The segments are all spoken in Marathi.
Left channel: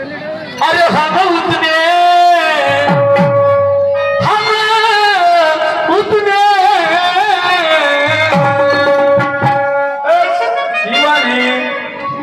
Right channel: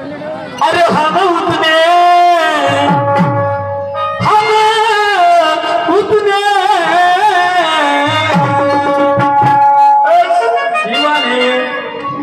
अरे हम उतने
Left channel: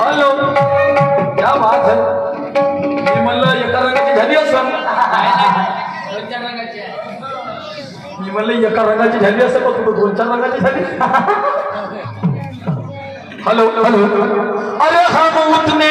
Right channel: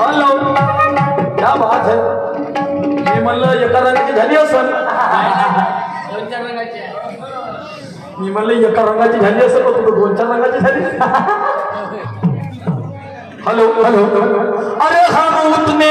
हॅलो क्या बात है मी म्हणलं एका रंगाची झाली असं मी म्हणलं एका रंगाची झाली असं पण तुला 2-4 रंगाची झाली हॅलो हॅलो अरे हम उतने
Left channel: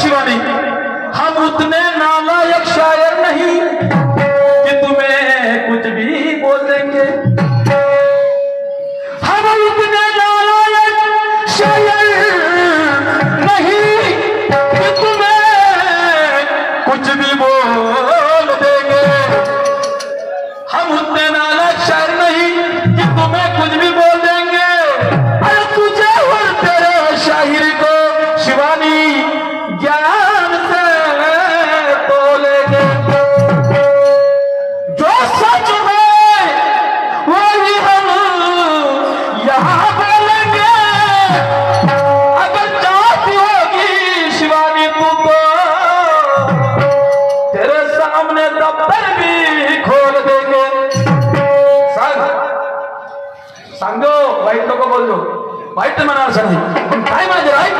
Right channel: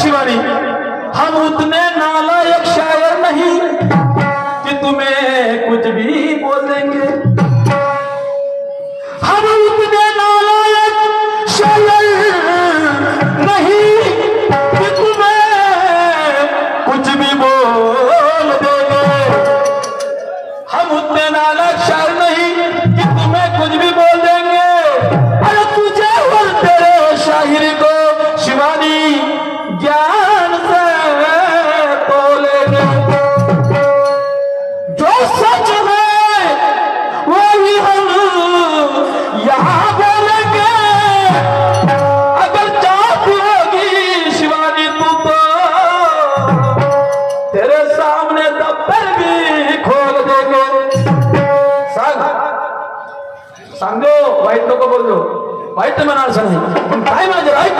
शिवानी हम उतने नालायक शायर नहीं कि तुम्हें कुछ भी बोल देंगे हम उतने नालायक शायर नहीं कि तुम्हें कुछ भी बोल देंगे हम उतने नालायक शायर नहीं कि तुम्हें कुछ भी बोल देंगे अरे तुझे और तेरे शायर को शिवानी ज्ञान से तोलेंगे जो सच है वही हम यहाँ बोलेंगे अगर चाहती होगी शिवानी तू तो तेरे सामने दफ्तर भी खोल देंगे सांगो वाईट नको बोललो वाईट म्हणाल सांग काय माझे राईट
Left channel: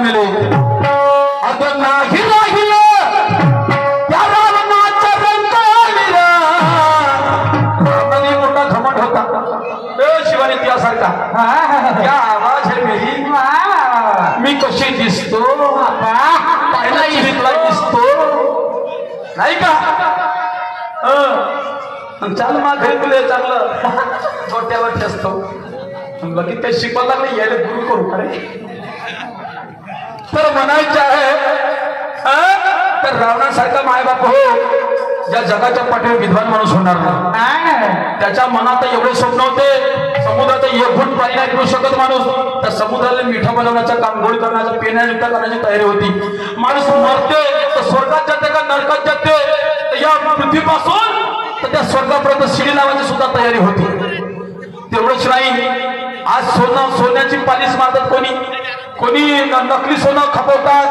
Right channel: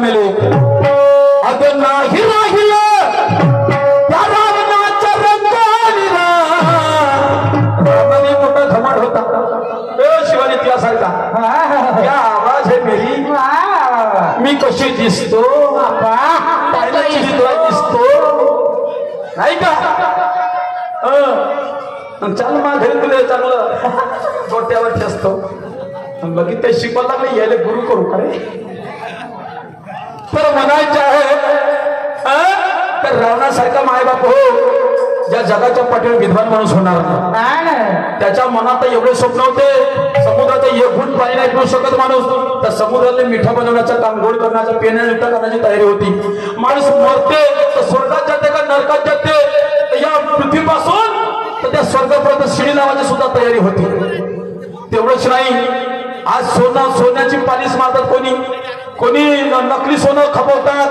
मेले अगर नाही राहिलं त्या रावणाचा रंगाविरा रावणाने मोठा घमंड होता शिवानी त्यासारखा क्या आवाज है मेरी मी कशी दिसतो पाहिला चिरीतला दिसतो नाही का चाल मा घरी तुला चांगलं छोट्यावर असतो बघितलं शिकवायला लागले यायला गुरु करू खरे तर म्हणायचं आहे तर रावणासारखा मायबाप हो ज्या जगाच्या पाठीवर विद्वान माणूस होणार नाही त्याच्या मनात एवढे स्वप्न होते समुद्रात एक घुट पाणी नाही पिऊ शकत माणूस तर समुद्राला मिठा बनवण्याचं काम गोड करण्याचं पेण्यायुक्त करण्याची तयारी होती माणूस मरते तर स्वर्गात जाते का नरकात जाते या पृथ्वीपासून तर त्या स्वर्गापर्यंत शिडी लावायची सुद्धा तयारी होती तेवढंच नाही आज सोन्याची पालिश मारतात कोणी नकली सोनं खपवतात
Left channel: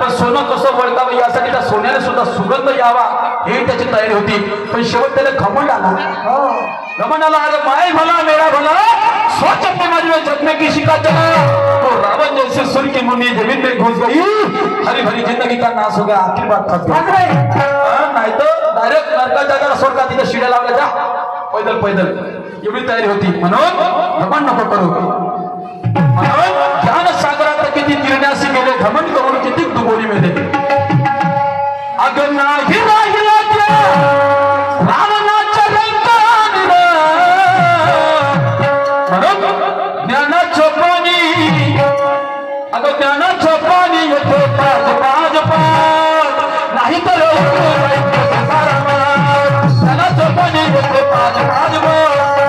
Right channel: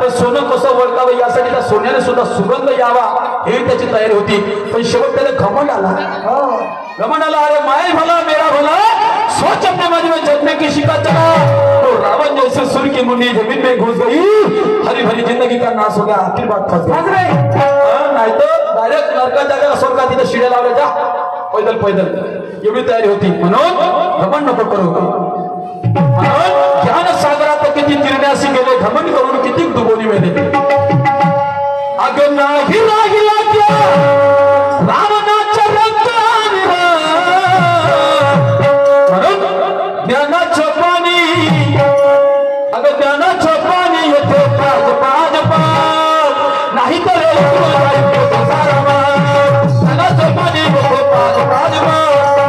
पण सोनं कसं वळतावं यासाठी त्या सोन्याने सुद्धा सुगंध यावा हे त्याची तयारी होती पण शेवट त्याला घमंड आला अरे माय भला मेरा भला सोच अपने मन में जगने की शिका चला तो रावण जैसे सुर की मुंडी जमीन में घुस गई हरी भरी जिंदगी का नाश हो गया आखिर बात फंस गई नाही तर डायरेक्ट नरकात जागा स्वर्गात तिथे शिड्या लावल्या जा पैदल एवढी तयारी होती म्हणून घमंड नको करू म्हणून ज्ञान सागरात किती तिरण्यासी गेले घमंड करून किती दुबोली मेले अगं नाही राहिला त्या रावणाच्या रंगाला म्हणून ज्ञानाचं पाणी अगं ज्ञानाचं पाणी येते पाज पाज पाज नाही तर ज्ञानाचं पाणी येते पाज पाज नाही तर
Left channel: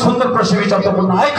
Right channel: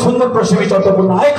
सुंदर प्रश्न विचारतो पुन्हा ऐक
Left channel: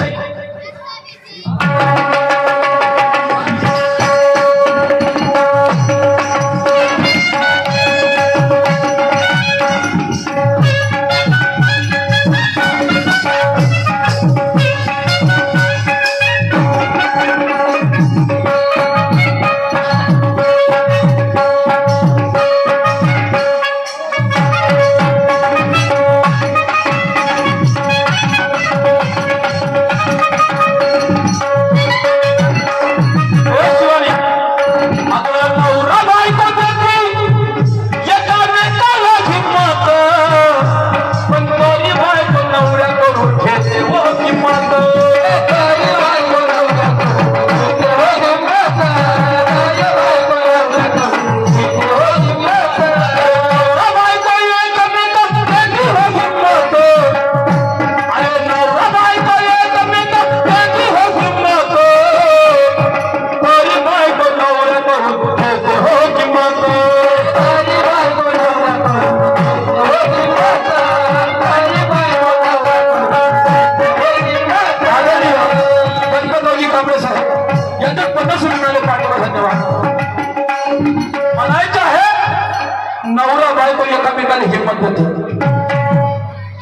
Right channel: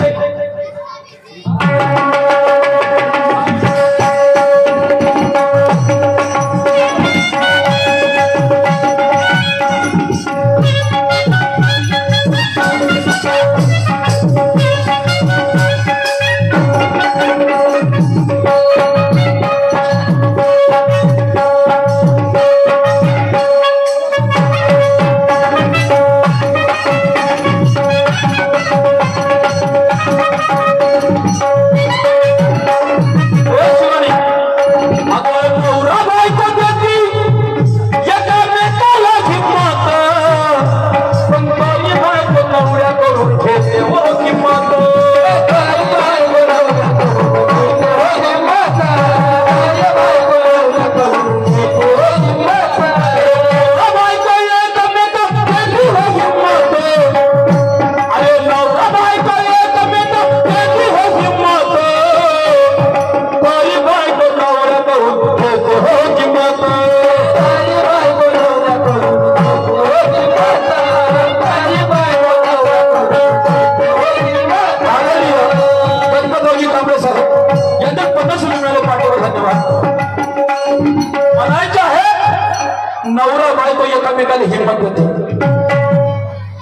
नवरा बायको एकामेकाला हिंमत देते.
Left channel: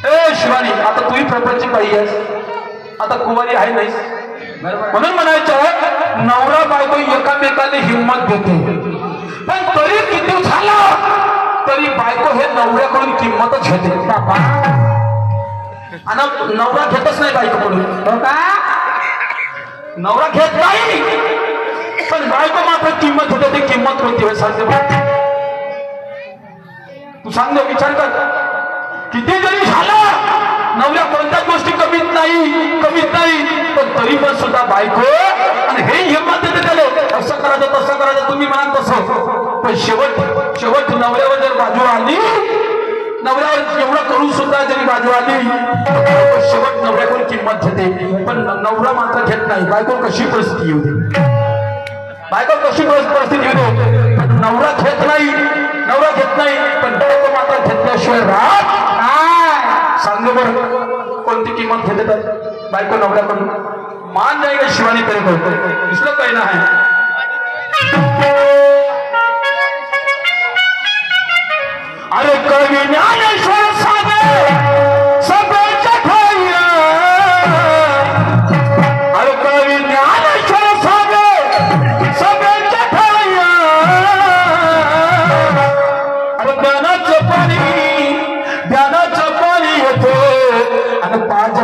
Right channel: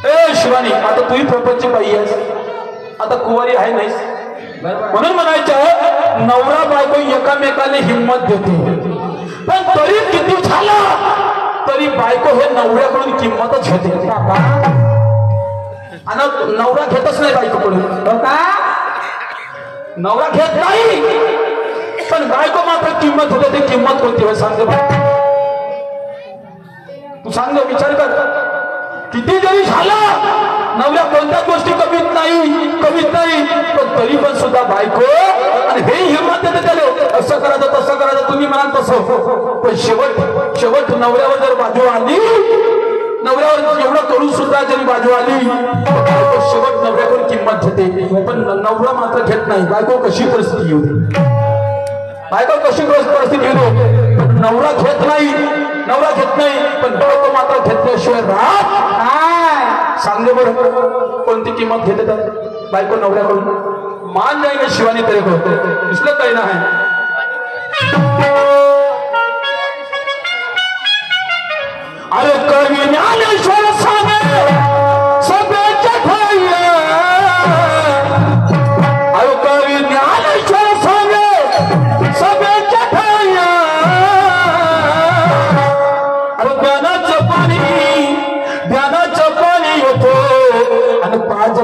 ए शिवानी, आता तूही प्रपंची बाई आहेस, आता कुवारी आहे नाहीस, म्हणून म्हणायचं नवरा बायको एकामेकाला हिंमत देते. पण तरी किती झालं तरी बायको हे नवऱ्याकडून किंमतच घेते. आणि नवरा घेतच नाही बायकोकडून, का नवरा घेत नाही, पण बायको मात्र किंमत होते. ती किंमत कोणती वेळ सांगते तू, सांग विचार कर. किती जरी झालं नवऱ्या कोणत्याच गोष्टी कमीत नाही, पण तरी पण सुद्धा बायको आणि हे हिंमत देते त्याला, असं करायचं तसं करायचं, तुम्ही म्हणाल तसं. पण शेवट नवऱ्यावर जर बाजू आली, नवऱ्यावर एवढं करून सुद्धा जरी बाजू आली, शेवट नवऱ्यावर किंमत घेते. पण नवरा मात्र घेत नाही. बायको कशी परिस्थिती येऊ दे, बायको कशी परिस्थिती येऊ दे, नवरा घेत नाही, पण बायको मात्र घेतल्याशिवाय राहत. सांग बरं कोणती किंमत घेते तर बायको नवऱ्याकडून? मान जाईल शिवानी तरी करतो, इसलं काही नाही. अरे कवी ज्ञानेश्वर सांगे सगळ्याच्या खाया, अरे कवी ज्ञानेश्वर सांगे सगळ्याच्या खाया. अरे ज्ञानाचं पाणी येतो आणि पाज